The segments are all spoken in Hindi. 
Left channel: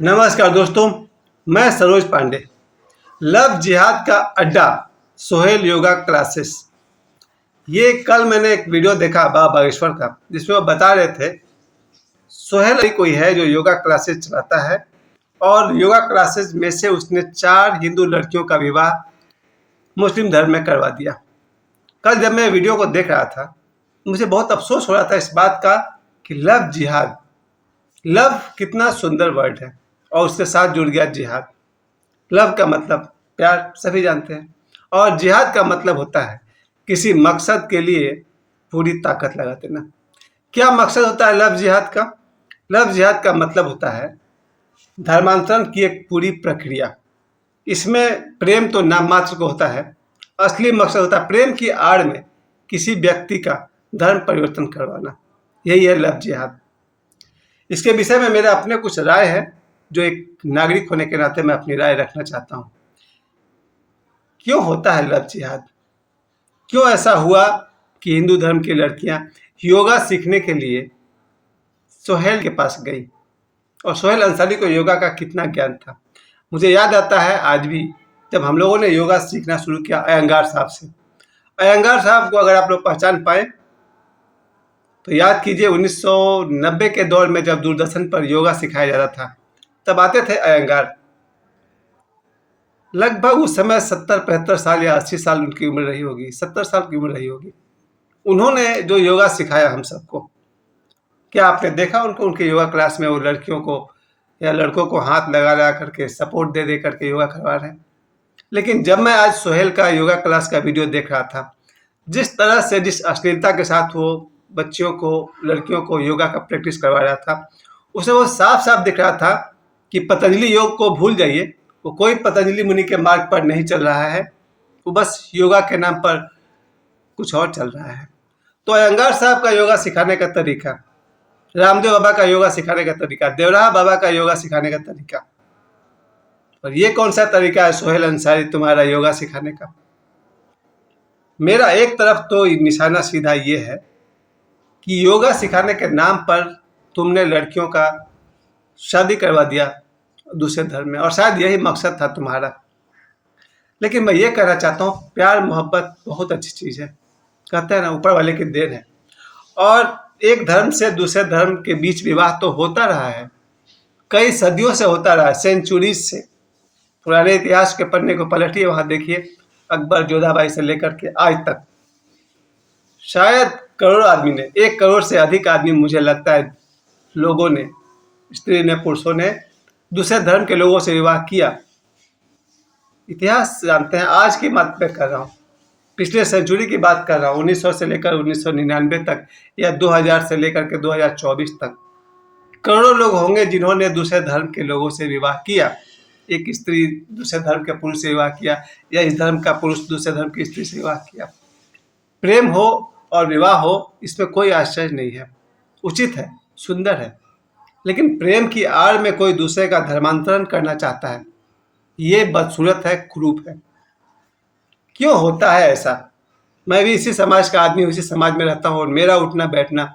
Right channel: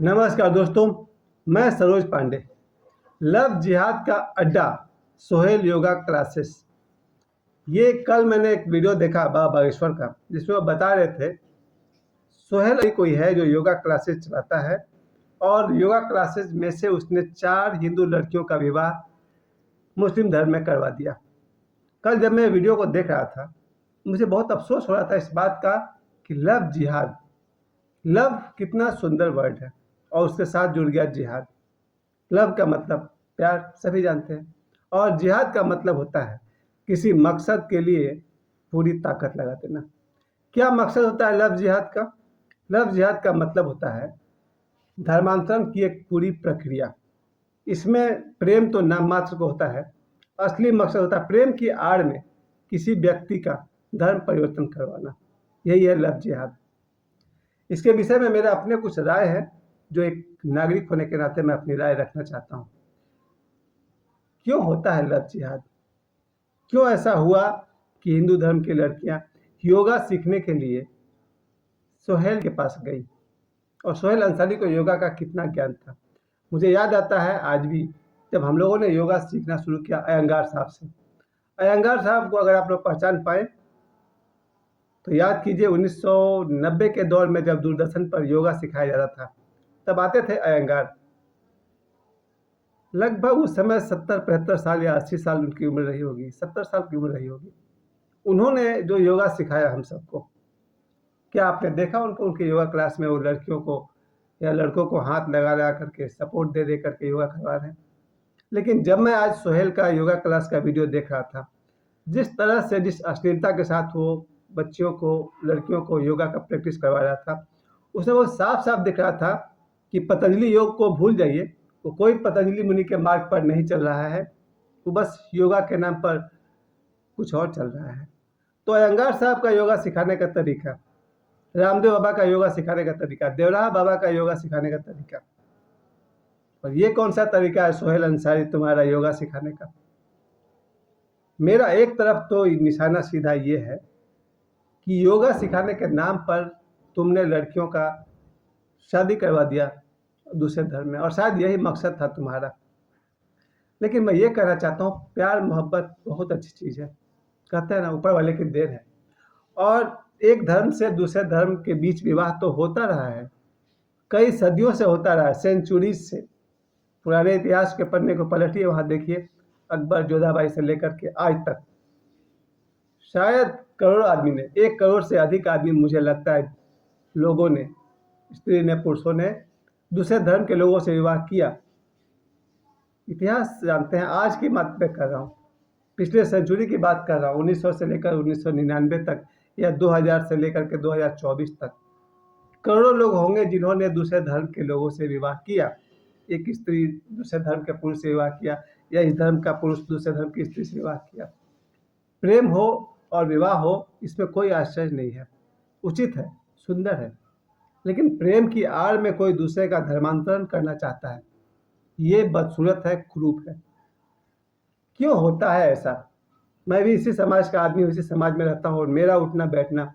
नमस्कार दोस्तों, मैं सरोज पांडे। लव जिहाद का अड्डा सोहेल योगा क्लासेस। ये कल मैंने एक वीडियो देखा बाबा बागेश्वर का, जिसमें वो बता रहे थे सोहेल कोई है जो योगा क्लासेस चलाता है और योगा क्लासेस में से उसने 4 हिंदू लड़कियों का विवाह मुस्लिम धर्म में करवा दिया। कल जब मैं वीडियो को देख रहा था, मुझे बहुत अफसोस हो रहा था इस बात का कि लव जिहाद, लव कितना सुंदर वर्ड है और उसके साथ जुड़ गया जिहाद। लव का मतलब प्यार, सभी जानते हैं, और जिहाद का मतलब होता है किसी मकसद के लिए पूरी ताकत लगा देना। क्या मकसद होता है लव जिहाद का? लव जिहाद का मतलब होता है धर्मांतरण की एक पूरी प्रक्रिया। इसमें प्रेम तो नाम मात्र को होता है, असली मकसद होता है प्रेम की आड़ में किसी व्यक्ति का धर्म परिवर्तन करवाना। यही है लव जिहाद। इसके विषय में मेरा अपने कुछ राय है, जो एक नागरिक होने के नाते मैं अपनी राय रखना चाहता हूँ। क्यों होता है लव जिहाद? क्यों ऐसा हुआ कि हिंदू धर्म की लड़कियां योगा सीखने के लिए सोहेल के पास गई? और सोहेल अंसारी को योगा का कितना ज्ञान था। मुझे याद आता है आज भी, जब हम लोगों ने योगा सीखना शुरू किया अयंगार साहब से। अयंगार साहब को अगर आप लोग पहचान पाए तो याद कीजिए, 1990 के दौर में जब दूरदर्शन पर योगा सिखाया जाता था, तब आते थे अयंगार। लगभग उस समय 70-75 साल या 80 साल उनकी उम्र रही होगी, 70 साल की उम्र रही होगी। उन्होंने जो योगा सिखाया हम सबको, क्या आपने देखा उनको उनके योगा क्लास में वो लड़कियों को या लड़कों को हाथ लगा लगा करके, सपोर्ट दे दे करके योगा करवा रहे हैं? लेकिन जब मैं आज सोहेल का योगा क्लास का वीडियो देख रहा था, जिस तरह से, जिस अश्लीलता के साथ वो बच्चियों को, लड़कियों को योगा का प्रैक्टिस करवा रहा था, उसे वो साफ साफ दिख रहा था कि पतंजलि योग को भूल जाइए, वो कोई पतंजलि मुनि के मार्ग पर नहीं चल रहा है, वो बस योगा के नाम पर कुछ और चल रहा है। तो अयंगार साहब का योगा सिखाने का तरीका, रामदेव बाबा का योगा सिखाने का तरीका, देवराहा बाबा का योगा सिखाने का तरीका, और ये कौन सा तरीका है सोहेल अंसारी तुम्हारा योगा सिखाने का? मेरा एक तरफ तो निशाना सीधा ये है कि योगा सिखाने के नाम पर तुमने लड़कियों का शादी करवा दिया दूसरे धर्म में, और शायद यही मकसद था तुम्हारा। लेकिन मैं ये कहना चाहता हूँ, प्यार मोहब्बत बहुत अच्छी चीज़ है, कहते हैं ना ऊपर वाले की देन है। और एक धर्म से दूसरे धर्म के बीच विवाह तो होता रहा है, कई सदियों से होता रहा है, सेंचुरीज से। पुराने इतिहास के पन्ने को पलटिए, वहाँ देखिए अकबर जोधाबाई से लेकर के आज तक शायद करोड़ों आदमी ने, 1 करोड़ से अधिक आदमी मुझे लगता है लोगों ने, स्त्री ने, पुरुषों ने दूसरे धर्म के लोगों से विवाह किया। इतिहास जानते हैं, आज की बात मैं कर रहा हूँ, पिछले सेंचुरी की बात कर रहा हूँ, 1900 से लेकर 1999 तक या 2000 से लेकर के 2024 तक करोड़ों लोग होंगे जिन्होंने दूसरे धर्म के लोगों से विवाह किया। एक स्त्री दूसरे धर्म के पुरुष से विवाह किया, या इस धर्म का पुरुष दूसरे धर्म की स्त्री से विवाह किया। प्रेम हो और विवाह हो, इसमें कोई आश्चर्य नहीं है, उचित है, सुंदर है। लेकिन प्रेम की आड़ में कोई दूसरे का धर्मांतरण करना चाहता है, ये बदसूरत है, कुरूप है। क्यों होता है ऐसा? मैं भी इसी समाज का आदमी हूँ, इसी समाज में रहता हूँ, और मेरा उठना बैठना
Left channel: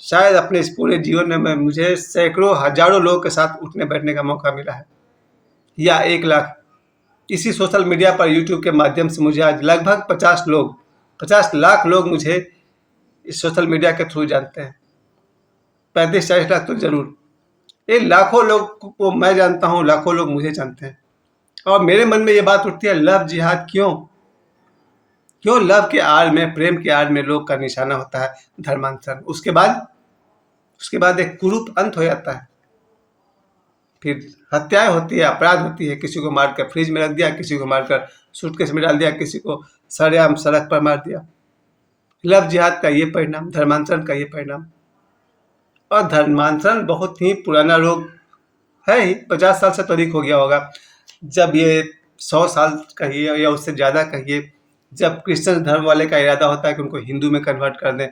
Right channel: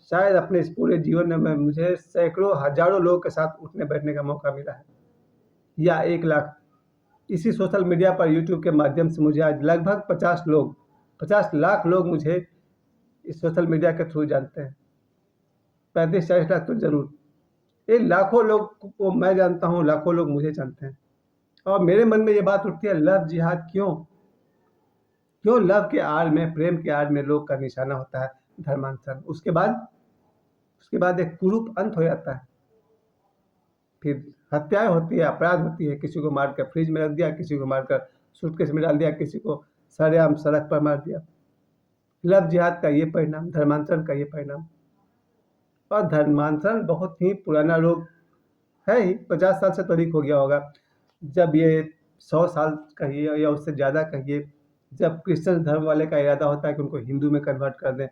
शायद अपने इस पूरे जीवन में मुझे सैकड़ों हजारों लोगों के साथ उठने बैठने का मौका मिला है, या 1 लाख। इसी सोशल मीडिया पर, यूट्यूब के माध्यम से मुझे आज लगभग 50 लाख लोग मुझे इस सोशल मीडिया के थ्रू जानते हैं। 35-40 लाख तो जरूर। ये लाखों लोग को मैं जानता हूँ, लाखों लोग मुझे जानते हैं। और मेरे मन में ये बात उठती है, लव जिहाद क्यों? क्यों लव के आड़ में, प्रेम के आड़ में लोग का निशाना होता है धर्मांतरण? उसके बाद एक कुरूप अंत हो जाता है, फिर हत्याएं होती है, अपराध होती है, किसी को मारकर फ्रिज में रख दिया, किसी को मारकर सूटकेस में डाल दिया, किसी को सरेआम सड़क पर मार दिया। लव जिहाद का ये परिणाम, धर्मांतरण का ये परिणाम। और धर्मांतरण बहुत ही पुराना रोग है ही, 50 साल से तो अधिक हो गया होगा। जब ये 100 साल कहिए या उससे ज़्यादा कहिए, जब क्रिश्चियन धर्म वाले का इरादा होता है कि उनको हिंदू में कन्वर्ट कर दें,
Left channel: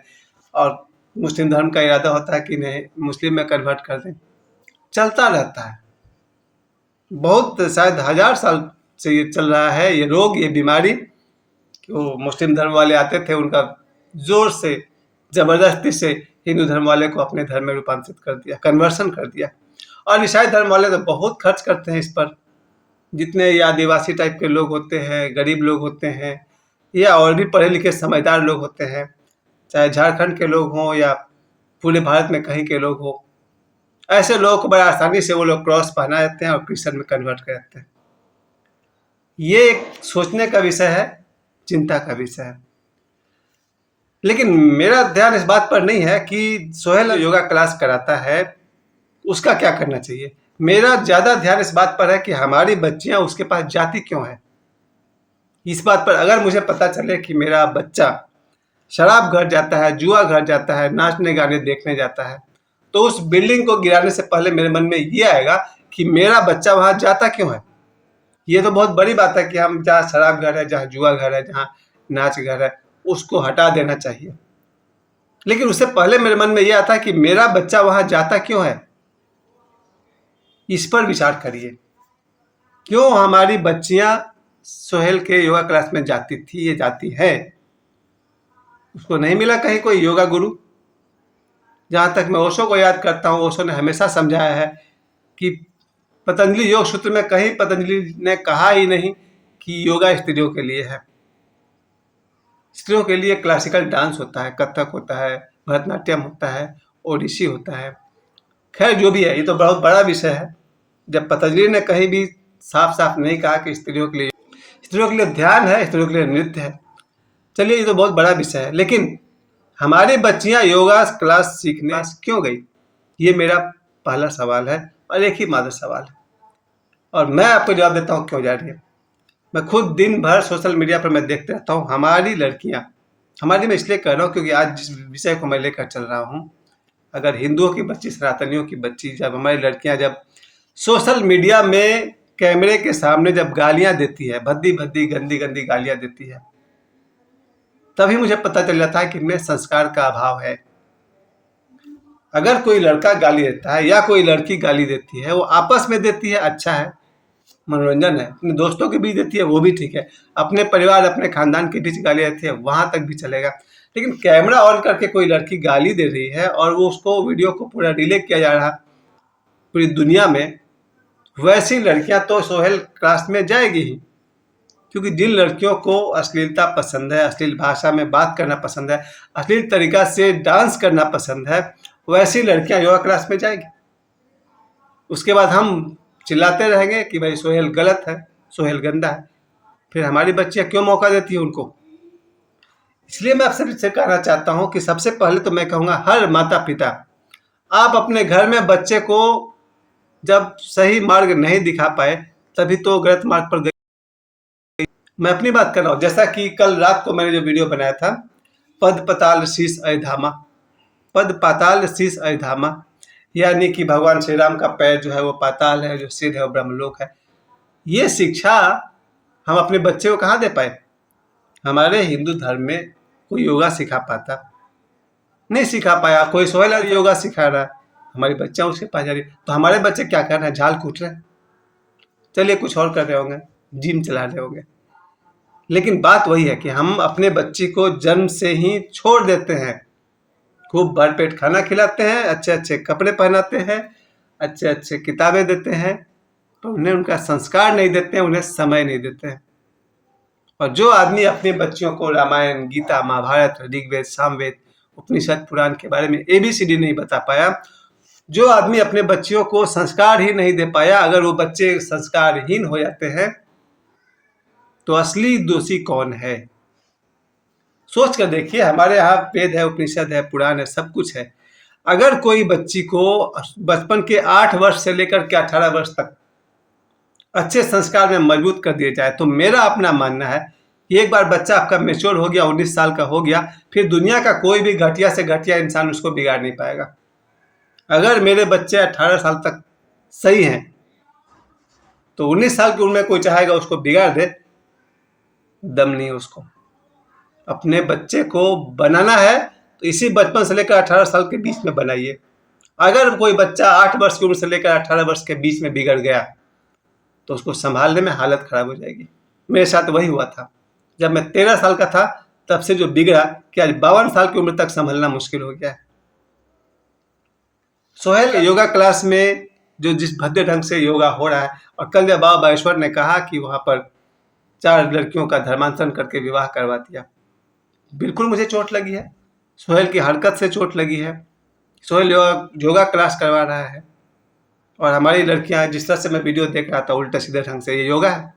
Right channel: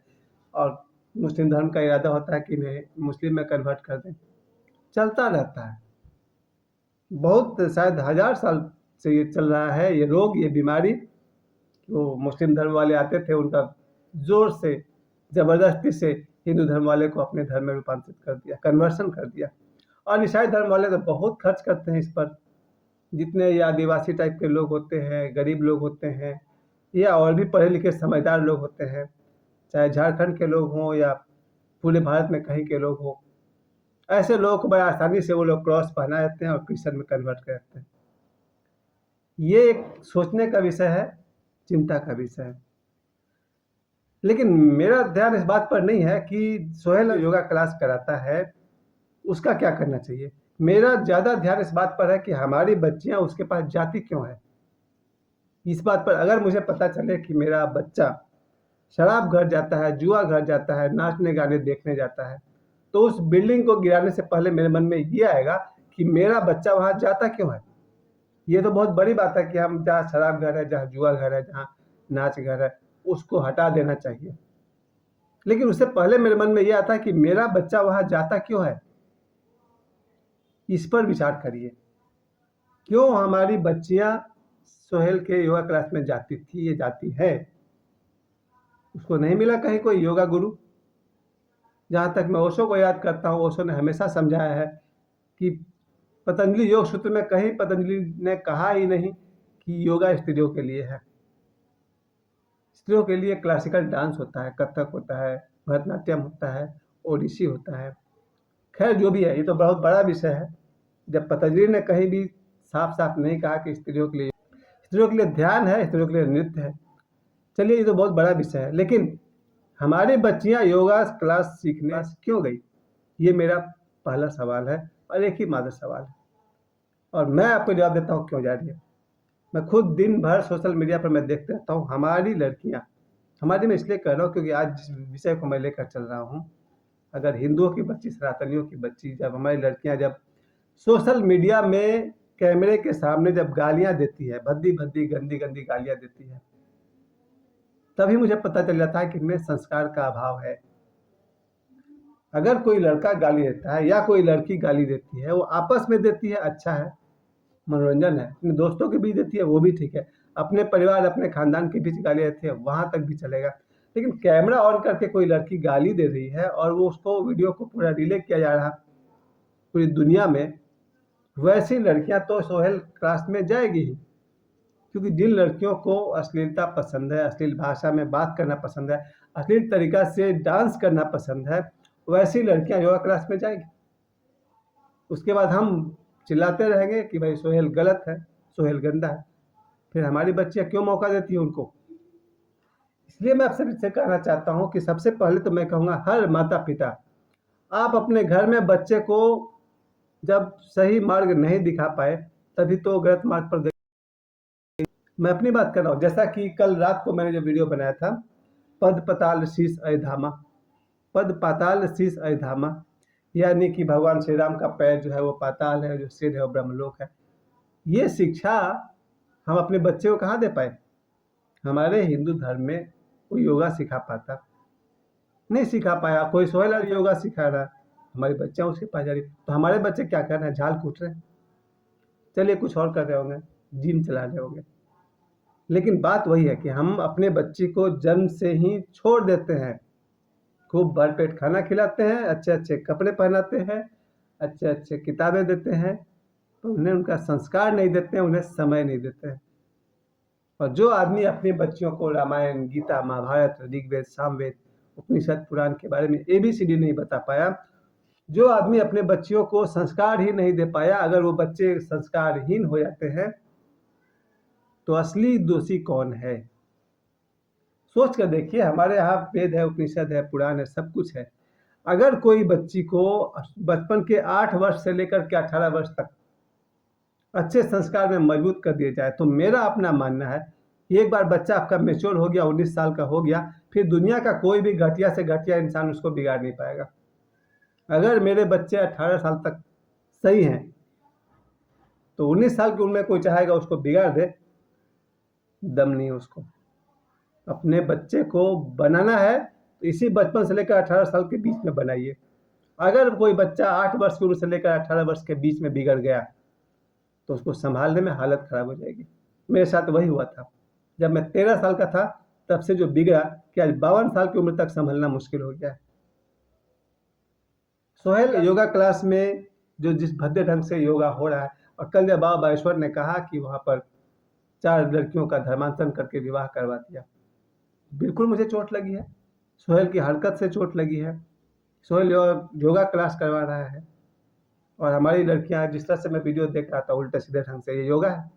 और मुस्लिम धर्म का इरादा होता है कि नहीं, मुस्लिम में कन्वर्ट कर दें, चलता रहता है। बहुत, शायद 1000 साल से ये चल रहा है, ये रोग, ये बीमारी। कि वो मुस्लिम धर्म वाले आते थे, उनका जोर से, ज़बरदस्ती से हिंदू धर्म वाले को अपने धर्म में रूपांतरित कर दिया, कन्वर्सन कर दिया। और ईसाई धर्म वाले तो बहुत खर्च करते हैं इस पर। जितने ये आदिवासी टाइप के लोग होते हैं, गरीब लोग होते हैं, या और भी पढ़े लिखे समझदार लोग होते हैं, चाहे झारखंड के लोग हों या पूरे भारत में कहीं के लोग हों, ऐसे लोगों को बड़ा आसानी से वो लोग क्रॉस पहना देते हैं और क्रिश्चियन में कन्वर्ट कर देते हैं। ये एक सोचने का विषय है, चिंता का विषय है। लेकिन मेरा ध्यान इस बात पर नहीं है कि सोहेल योगा क्लास कराता है उसका क्या करना चाहिए। मेरा ज़्यादा ध्यान इस बात पर है कि हमारी बच्चियां उसके पास जाती क्यों है। इस बात पर अगर मुझे पता चले कि मेरा बच्चा शराब घर जाता है, जुआ घर जाता है, नाचने गाने देखने जाता है, तो उस बिल्डिंग को गिराने से पहले मेरे मन में ये आएगा कि मेरा बच्चा वहां जाता क्यों है। ये तो बहुत बड़ी बात है कि हम जहाँ शराब घर है, जहाँ जुआ घर है, जहाँ नाच घर है, उसको हटा देना चाहिए। लेकिन उससे पहले मेरे मन में ये आता है कि मेरा बच्चा वहां जाता क्यों है। इस पर विचार करिए, क्यों हमारी बच्चियां सोहेल के योगा क्लास में जाती थी, ये जाती है। उसको नहीं मिला कहीं कोई योगा गुरु। जहाँ तक मैं ओशो को याद करता हूँ, ओशो ने हमेशा समझाया है कि पतंजलि योग सूत्र में कहीं पतंजलि ने कहा ही नहीं कि योगा स्त्रियों के लिए है। स्त्रियों के लिए क्लासिकल डांस होता है, कथक होता है, भरतनाट्यम होता है, ओडिसी होता है। खैर जो भी है, ये तो बहुत बड़ा विषय है। जब पतंजलि ने कहीं भी साफ साफ नहीं कहा कि स्त्रियों के लिए ध्यान है, स्त्रियों के लिए नृत्य है। चलिए, ये तो बहुत बड़ा विषय है। लेकिन हमारी बच्चियां योगा क्लास सीखने क्यों गई, ये मेरा पहला सवाल है और एक ही मात्र सवाल है। और मैं आपको जवाब देता हूँ क्यों जा रही है। मैं खुद दिन भर सोशल मीडिया पर मैं देखते रहता हूँ, हमारी लड़कियाँ, हमारी मैं इसलिए कह रहा हूँ क्योंकि आज जिस विषय को मैं लेकर चल रहा हूँ, अगर हिंदुओं की बच्ची, सनातनियों की बच्ची, जब हमारी लड़कियाँ जब सोशल मीडिया में कैमरे के सामने जब गालियाँ देती है, भद्दी भद्दी गंदी गंदी गालियाँ देती है, तभी मुझे पता चल जाता है कि इनमें संस्कार का अभाव है। अगर कोई लड़का गाली देता है या कोई लड़की गाली देती है, वो आपस में देती है, अच्छा है, मनोरंजन है, अपने दोस्तों के बीच देती है, वो भी ठीक है, अपने परिवार अपने खानदान के बीच गाली देती है, वहां तक भी चलेगा। लेकिन कैमरा ऑन करके कोई लड़की गाली दे रही है और वो उसको वीडियो को पूरा डिले किया जा रहा पूरी दुनिया में, वैसी लड़कियां तो सोहेल क्लास में जाएगी ही। क्योंकि जिन लड़कियों को अश्लीलता पसंद है, अश्लील भाषा में बात करना पसंद है, अश्लील तरीका से डांस करना पसंद है, वैसी लड़कियां योगा क्लास में जाएगी। उसके बाद हम चिल्लाते रहेंगे कि भाई सोहेल गलत है, सोहेल गंदा है। फिर हमारी बच्चियां क्यों मौका देती है उनको। इसलिए मैं आपसे फिर कहना चाहता हूं कि सबसे पहले तो मैं कहूँगा, हर माता पिता आप अपने घर में बच्चे को जब सही मार्ग नहीं दिखा पाए, तभी तो गलत मार्ग पर गए। मैं अपनी बात कर रहा हूँ, जैसा कि कल रात को मैंने जो वीडियो बनाया था, पद पताल शीस अधामा, पद पाताल शीस अधामा, यानी कि भगवान श्री राम का पैर जो है वो पाताल है, जो सिर है वो ब्रह्मलोक है। ये शिक्षा हम अपने बच्चे को कहाँ दे पाए। हमारे हिंदू धर्म में कोई योगा सिखा पाता नहीं, सिखा पाया। कोई सोहेल योगा सिखा रहा है, हमारी बच्चा उसके पास जा रही, तो हमारे बच्चे क्या कर रहे हैं, झाल कूट रहे हैं। चलिए कुछ और कर रहे होंगे, जिम चला रहे होंगे। लेकिन बात वही है कि हम अपने बच्ची को जन्म से ही छोड़ देते हैं, खूब भरपेट खाना खिलाते हैं, अच्छे अच्छे कपड़े पहनाते हैं, अच्छे अच्छे किताबें देते हैं, तो उन्हें उनका संस्कार नहीं देते हैं, उन्हें समय नहीं देते हैं। और जो आदमी अपने बच्चियों को रामायण, गीता, महाभारत, ऋग्वेद, सामवेद, उपनिषद, पुराण के बारे में ABCD नहीं बता पाया, जो आदमी अपने बच्चियों को संस्कार ही नहीं दे पाया, अगर वो बच्चे संस्कारहीन हो जाते हैं, तो असली दोषी कौन है। सोच कर देखिए, हमारे यहाँ वेद है, उपनिषद है, पुराण है, सब कुछ है। अगर कोई बच्ची को बचपन के 8 वर्ष से लेकर के 18 वर्ष तक अच्छे संस्कार में मजबूत कर दिया जाए, तो मेरा अपना मानना है कि एक बार बच्चा आपका मेच्योर हो गया, 19 साल का हो गया, फिर दुनिया का कोई भी घटिया से घटिया इंसान उसको बिगाड़ नहीं पाएगा। अगर मेरे बच्चे 18 साल तक सही हैं, तो 19 साल की उम्र में कोई चाहेगा उसको बिगाड़ दे, दम नहीं है उसको। अपने बच्चे को बनाना है तो इसी बचपन से लेकर 18 साल के बीच में बनाइए। अगर कोई बच्चा 8 वर्ष की उम्र से लेकर 18 वर्ष के बीच में बिगड़ गया, तो उसको संभालने में हालत खराब हो जाएगी। मेरे साथ वही हुआ था। जब मैं 13 साल का था, तब से जो बिगड़ा कि आज 52 साल की उम्र तक संभलना मुश्किल हो गया है। सोहेल योगा क्लास में जो जिस भद्दे ढंग से योगा हो रहा है। और कल जब बाबा बागेश्वर ने कहा कि वहाँ पर 4 लड़कियों का धर्मांतरण करके विवाह करवा दिया, बिल्कुल मुझे चोट लगी है। सोहेल की हरकत से चोट लगी है। सोहेल योगा क्लास करवा रहा है और हमारी लड़कियां, जिस तरह से मैं वीडियो देख रहा था उल्टे सीधे ढंग से, ये योगा है?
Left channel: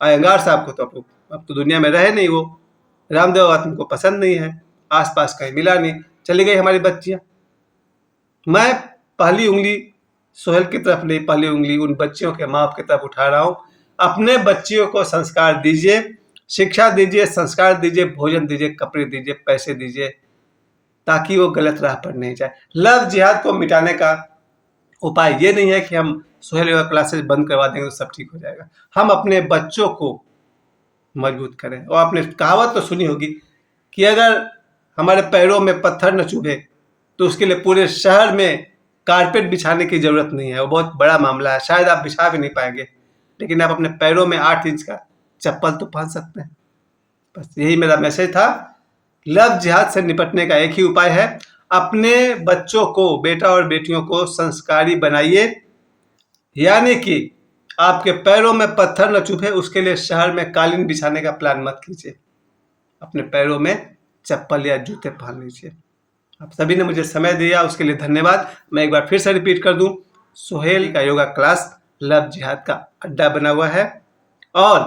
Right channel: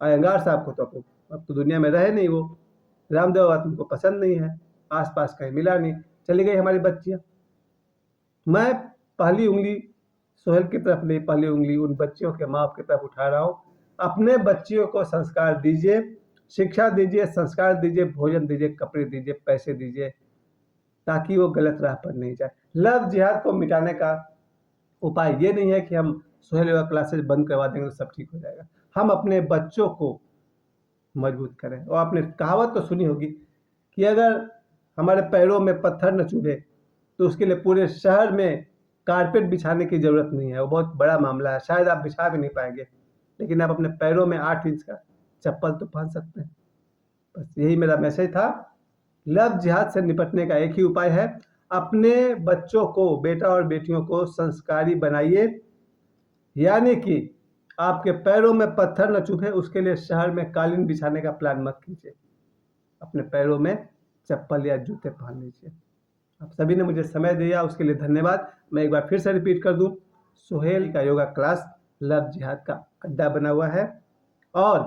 अयंगार साहब को तो अब तो दुनिया में रहे नहीं, वो रामदेव बाबा तुमको पसंद नहीं है, आसपास कहीं मिला नहीं, चली गई हमारी बच्चियां। मैं पहली उंगली सोहेल की तरफ नहीं, पहली उंगली उन बच्चियों के माँ बाप की तरफ उठा रहा हूँ। अपने बच्चियों को संस्कार दीजिए, शिक्षा दीजिए, संस्कार दीजिए, भोजन दीजिए, कपड़े दीजिए, पैसे दीजिए, ताकि वो गलत राह पर नहीं जाए। लव जिहाद को मिटाने का उपाय ये नहीं है कि हम सोहेल योगा क्लासेस बंद करवा देंगे तो सब ठीक हो जाएगा। हम अपने बच्चों को मजबूत करें। और आपने कहावत तो सुनी होगी कि अगर हमारे पैरों में पत्थर न चुभे तो उसके लिए पूरे शहर में कारपेट बिछाने की ज़रूरत नहीं है। वो बहुत बड़ा मामला है, शायद आप बिछा भी नहीं पाएंगे, लेकिन आप अपने पैरों में 8 इंच का चप्पल तो पहन सकते हैं। बस यही मेरा मैसेज था। लव जिहाद से निपटने का एक ही उपाय है, अपने बच्चों को, बेटा और बेटियों को संस्कारी बनाइए। यानी कि आपके पैरों में पत्थर न चुभे, उसके लिए शहर में कालीन बिछाने का प्लान मत कीजिए, अपने पैरों में चप्पल या जूते पहन लीजिए। आप सभी ने मुझे समय दिया, उसके लिए धन्यवाद। मैं एक बार फिर से रिपीट कर दूं, सोहेल का योगा क्लास लव जिहाद का अड्डा बना हुआ है और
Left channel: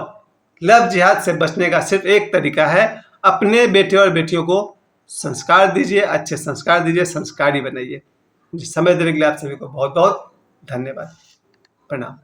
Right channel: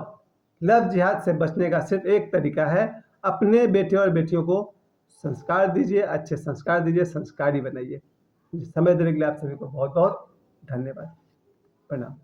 लव जिहाद से बचने का सिर्फ एक तरीका है, अपने बेटे और बेटियों को संस्कार दीजिए, अच्छे संस्कार दीजिए, संस्कारी बनाइए। मुझे समय देने के लिए आप सभी को बहुत बहुत धन्यवाद। प्रणाम।